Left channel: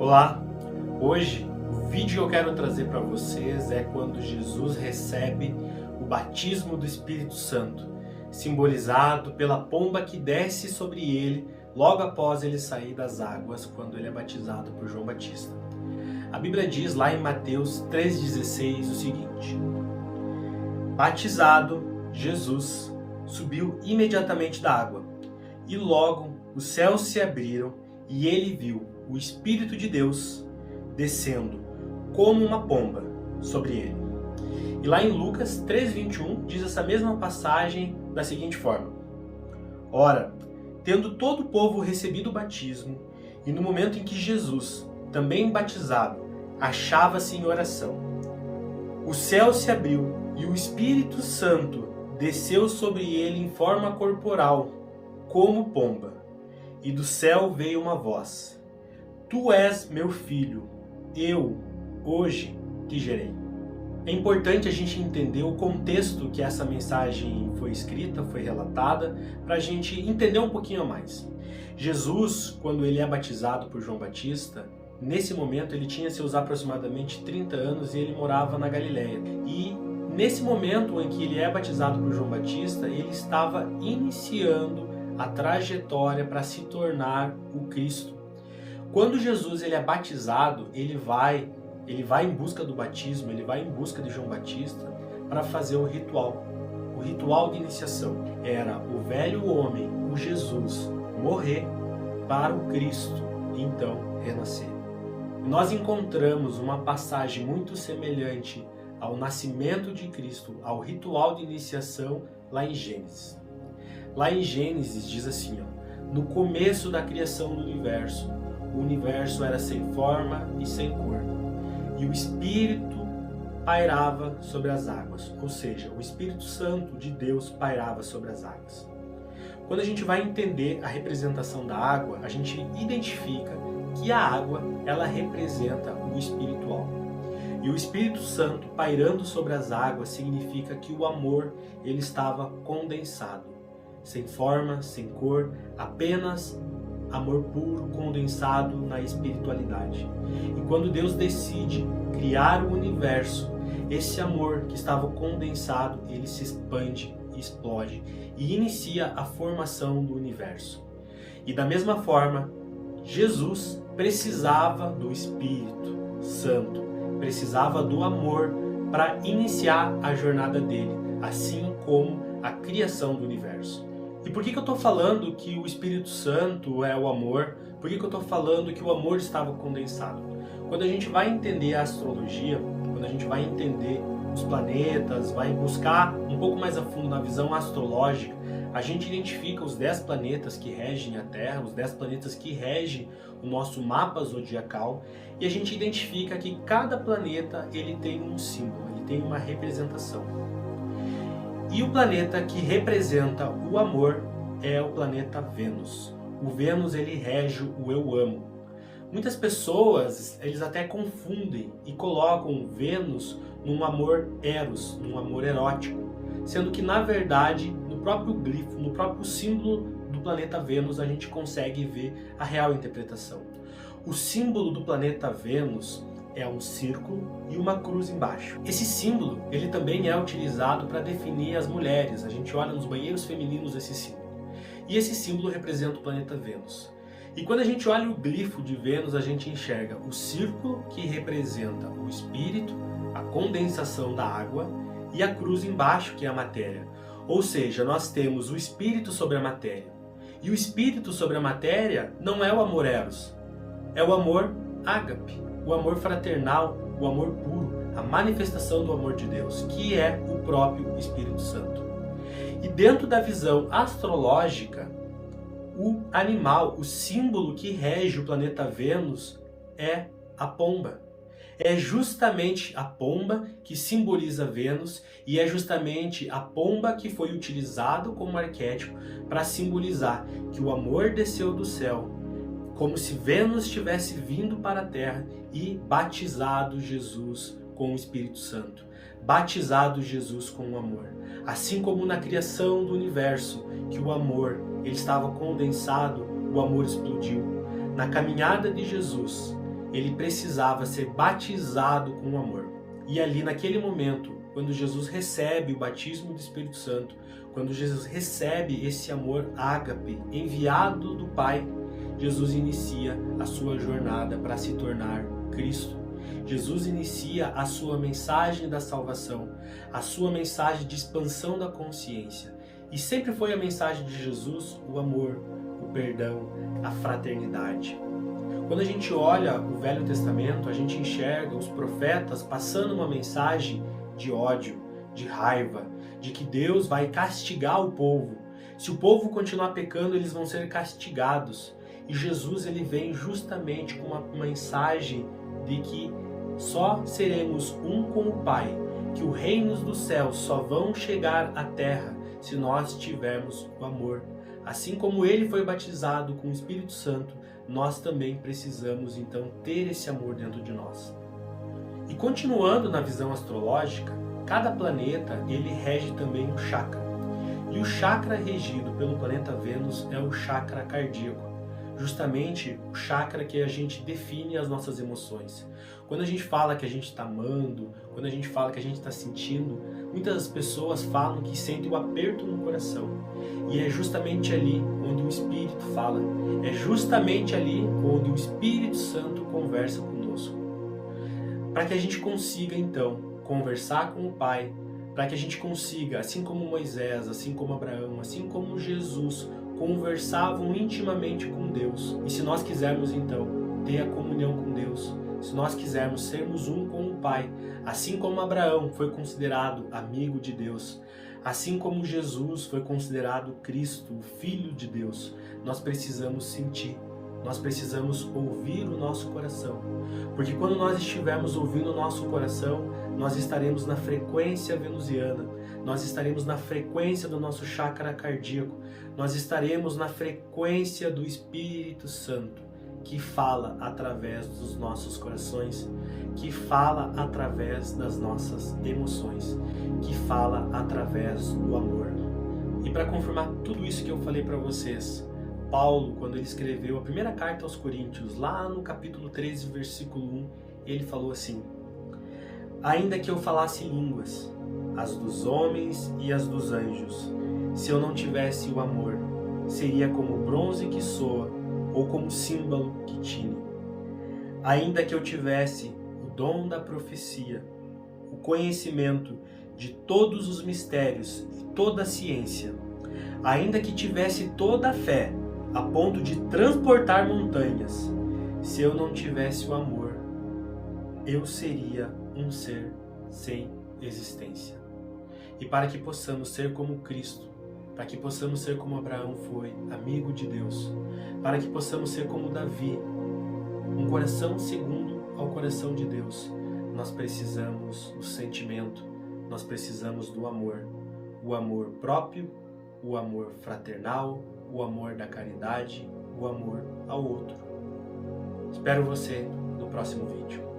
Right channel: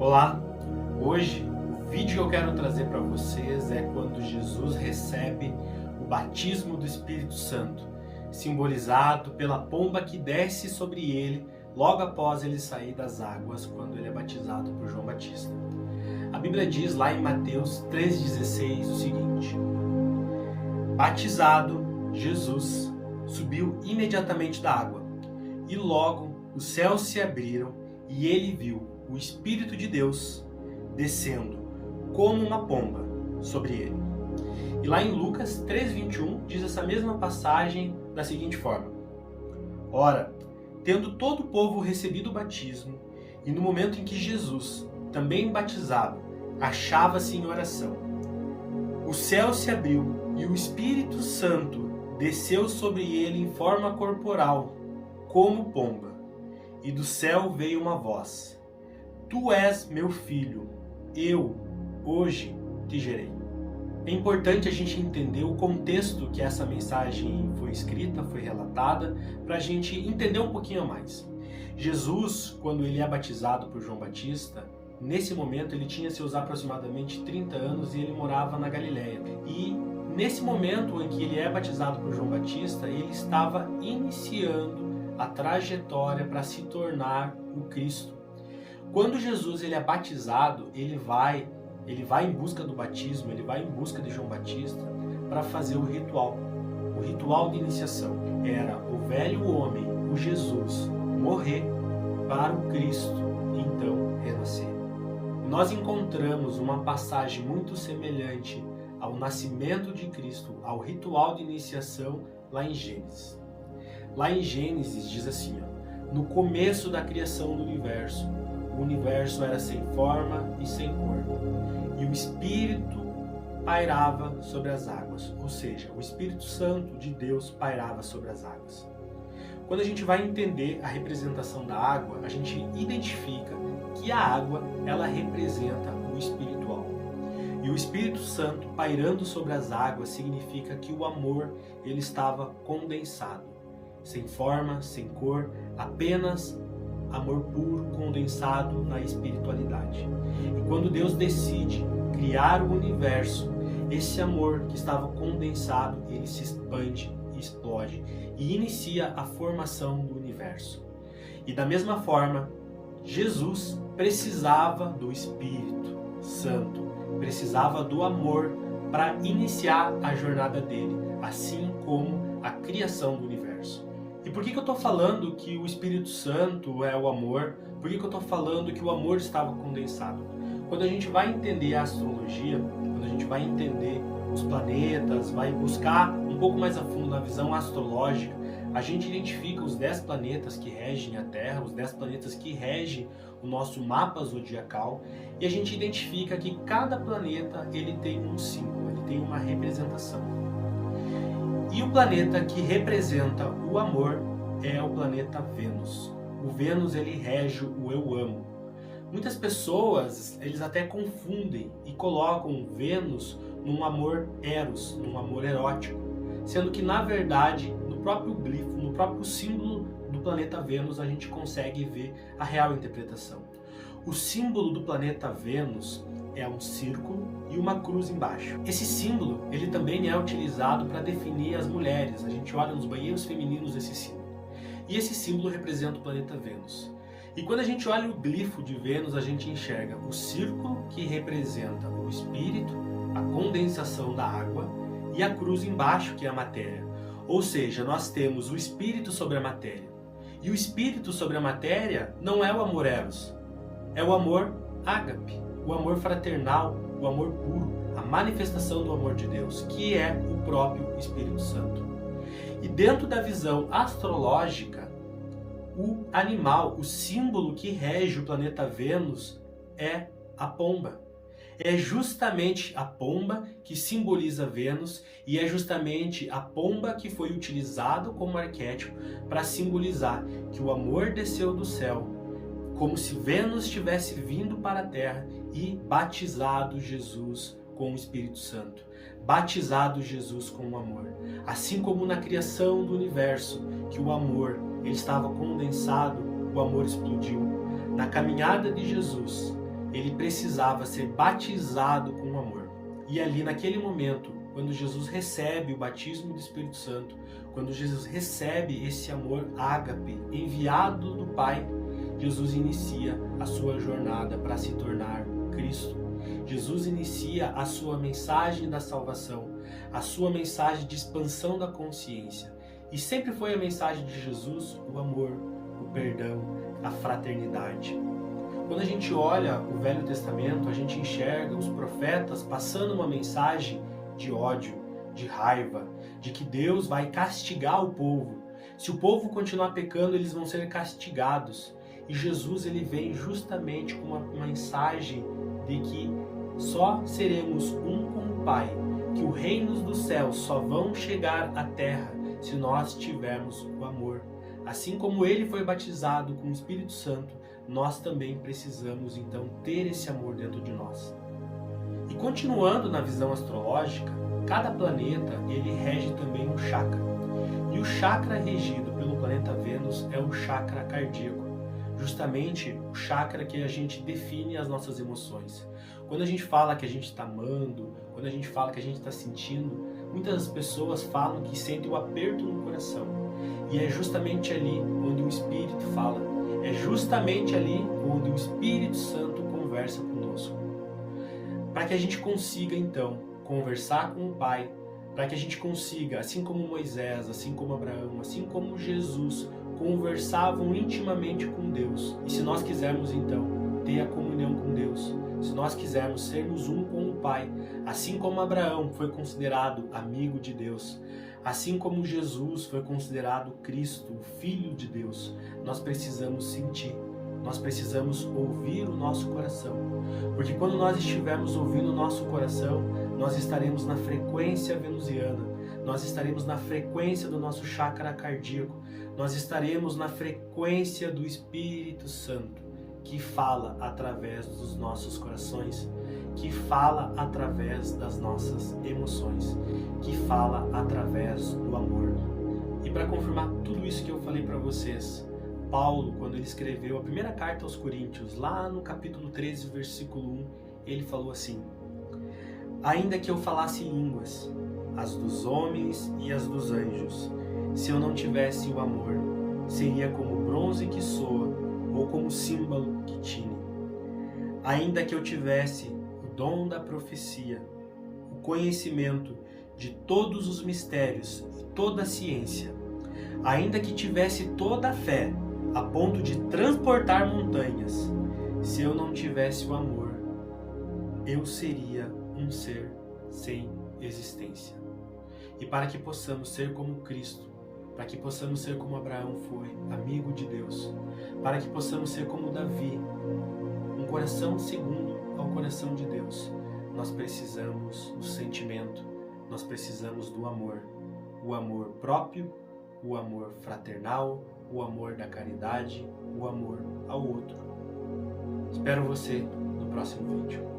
Olá! Hoje o vídeo que eu quero trazer para vocês é quando Jesus recebe o batismo do Espírito Santo, simbolizado pela pomba que desce sobre ele logo após ele sair das águas, quando ele é batizado por João Batista. A Bíblia diz lá em Mateus 3,16 o seguinte: Batizado, Jesus subiu imediatamente da água, e logo os céus se abriram e ele viu o Espírito de Deus descendo como uma pomba sobre ele. E lá em Lucas 3,21 diz essa mesma passagem da seguinte forma: Ora, tendo todo o povo recebido o batismo, e no momento em que Jesus, também batizado, achava-se em oração, o céu se abriu e o Espírito Santo desceu sobre ele em forma corporal, como pomba. E do céu veio uma voz: Tu és meu filho, eu hoje te gerei. É importante a gente entender o contexto que essa mensagem foi escrita, foi relatada, para a gente entender um pouquinho mais. Jesus, quando ele é batizado por João Batista, nesse momento ele tinha seus aproximadamente 30 anos e ele morava na Galileia. E nesse momento em que ele é batizado por João Batista, ele estava iniciando a trajetória para se tornar o Cristo. Quando Jesus ele é batizado, ele vai em busca do batismo, ele vai em busca de João Batista para fazer o ritual de iniciação. Era o velho homem, o Jesus, morrer para o Cristo e então renascer. Nós encontramos uma passagem muito semelhante ao nascimento de Cristo, ao ritual de iniciação lá em Gênesis. Lá em Gênesis diz assim, no começo da criação do universo, o universo era sem forma e sem cor, e o Espírito pairava sobre as águas, ou seja, o Espírito Santo de Deus pairava sobre as águas. Quando a gente vai entender a representação da água, a gente identifica que a água, ela representa o espiritual. E o Espírito Santo pairando sobre as águas significa que o amor, ele estava condensado, sem forma, sem cor, apenas amor puro condensado na espiritualidade. E quando Deus decide criar o universo, esse amor que estava condensado, ele se expande, explode e inicia a formação do universo. E da mesma forma, Jesus precisava do Espírito Santo, precisava do amor para iniciar a jornada dele, assim como a criação do universo. E por que eu estou falando que o Espírito Santo é o amor? Por que eu estou falando que o amor estava condensado? Quando a gente vai entender a astrologia, quando a gente vai entender os planetas, vai buscar um pouco mais a fundo na visão astrológica, a gente identifica os 10 planetas que regem a Terra, os 10 planetas que regem o nosso mapa zodiacal, e a gente identifica que cada planeta ele tem um símbolo, ele tem uma representação. E o planeta que representa o amor é o planeta Vênus. O Vênus ele rege o eu amo. Muitas pessoas eles até confundem e colocam Vênus num amor eros, num amor erótico, sendo que na verdade no próprio glifo, no próprio símbolo do planeta Vênus a gente consegue ver a real interpretação. O símbolo do planeta Vênus é um círculo e uma cruz embaixo. Esse símbolo, ele também é utilizado para definir as mulheres. A gente olha nos banheiros femininos esse símbolo. E esse símbolo representa o planeta Vênus. E quando a gente olha o glifo de Vênus, a gente enxerga o círculo que representa o espírito, a condensação da água, e a cruz embaixo, que é a matéria. Ou seja, nós temos o espírito sobre a matéria. E o espírito sobre a matéria não é o amor eros, é o amor ágape. O amor fraternal, o amor puro, a manifestação do amor de Deus, que é o próprio Espírito Santo. E dentro da visão astrológica, o animal, o símbolo que rege o planeta Vênus é a pomba. É justamente a pomba que simboliza Vênus e é justamente a pomba que foi utilizado como arquétipo para simbolizar que o amor desceu do céu, como se Vênus tivesse vindo para a Terra e batizado Jesus com o Espírito Santo, batizado Jesus com o amor. Assim como na criação do universo, que o amor ele estava condensado, o amor explodiu. Na caminhada de Jesus, ele precisava ser batizado com amor. E ali naquele momento, quando Jesus recebe o batismo do Espírito Santo, quando Jesus recebe esse amor ágape enviado do Pai, Jesus inicia a sua jornada para se tornar Cristo. Jesus inicia a sua mensagem da salvação, a sua mensagem de expansão da consciência. E sempre foi a mensagem de Jesus o amor, o perdão, a fraternidade. Quando a gente olha o Velho Testamento, a gente enxerga os profetas passando uma mensagem de ódio, de raiva, de que Deus vai castigar o povo. Se o povo continuar pecando, eles vão ser castigados. E Jesus ele vem justamente com uma mensagem de que só seremos um com o Pai, que os reinos dos céus só vão chegar à terra se nós tivermos o amor. Assim como ele foi batizado com o Espírito Santo, nós também precisamos então ter esse amor dentro de nós. E continuando na visão astrológica, cada planeta ele rege também um chakra. E o chakra regido pelo planeta Vênus é o chakra cardíaco, justamente o chakra que a gente define as nossas emoções. Quando a gente fala que a gente está amando, quando a gente fala que a gente está sentindo, muitas pessoas falam que sentem o aperto no coração. E é justamente ali onde o Espírito fala. É justamente ali onde o Espírito Santo conversa conosco. Para que a gente consiga, então, conversar com o Pai, para que a gente consiga, assim como Moisés, assim como Abraão, assim como Jesus, conversavam intimamente com Deus. E se nós quisermos, então, ter a comunhão com Deus, se nós quisermos sermos um com o Pai, assim como Abraão foi considerado amigo de Deus, assim como Jesus foi considerado Cristo, o Filho de Deus, nós precisamos sentir, nós precisamos ouvir o nosso coração. Porque quando nós estivermos ouvindo o nosso coração, nós estaremos na frequência venusiana, nós estaremos na frequência do nosso chakra cardíaco, nós estaremos na frequência do Espírito Santo, que fala através dos nossos corações, que fala através das nossas emoções, que fala através do amor. E para confirmar tudo isso que eu falei para vocês, Paulo, quando ele escreveu a primeira carta aos Coríntios, lá no capítulo 13, versículo 1, ele falou assim: ainda que eu falasse línguas, as dos homens e as dos anjos, se eu não tivesse o amor, seria como bronze que soa, ou como símbolo que tine. Ainda que eu tivesse o dom da profecia, o conhecimento de todos os mistérios e toda a ciência, ainda que tivesse toda a fé, a ponto de transportar montanhas, se eu não tivesse o amor, eu seria um ser sem existência. E para que possamos ser como Cristo, para que possamos ser como Abraão foi, amigo de Deus, para que possamos ser como Davi, um coração segundo ao coração de Deus, nós precisamos do sentimento, nós precisamos do amor, o amor próprio, o amor fraternal, o amor da caridade, o amor ao outro. Espero você no próximo vídeo.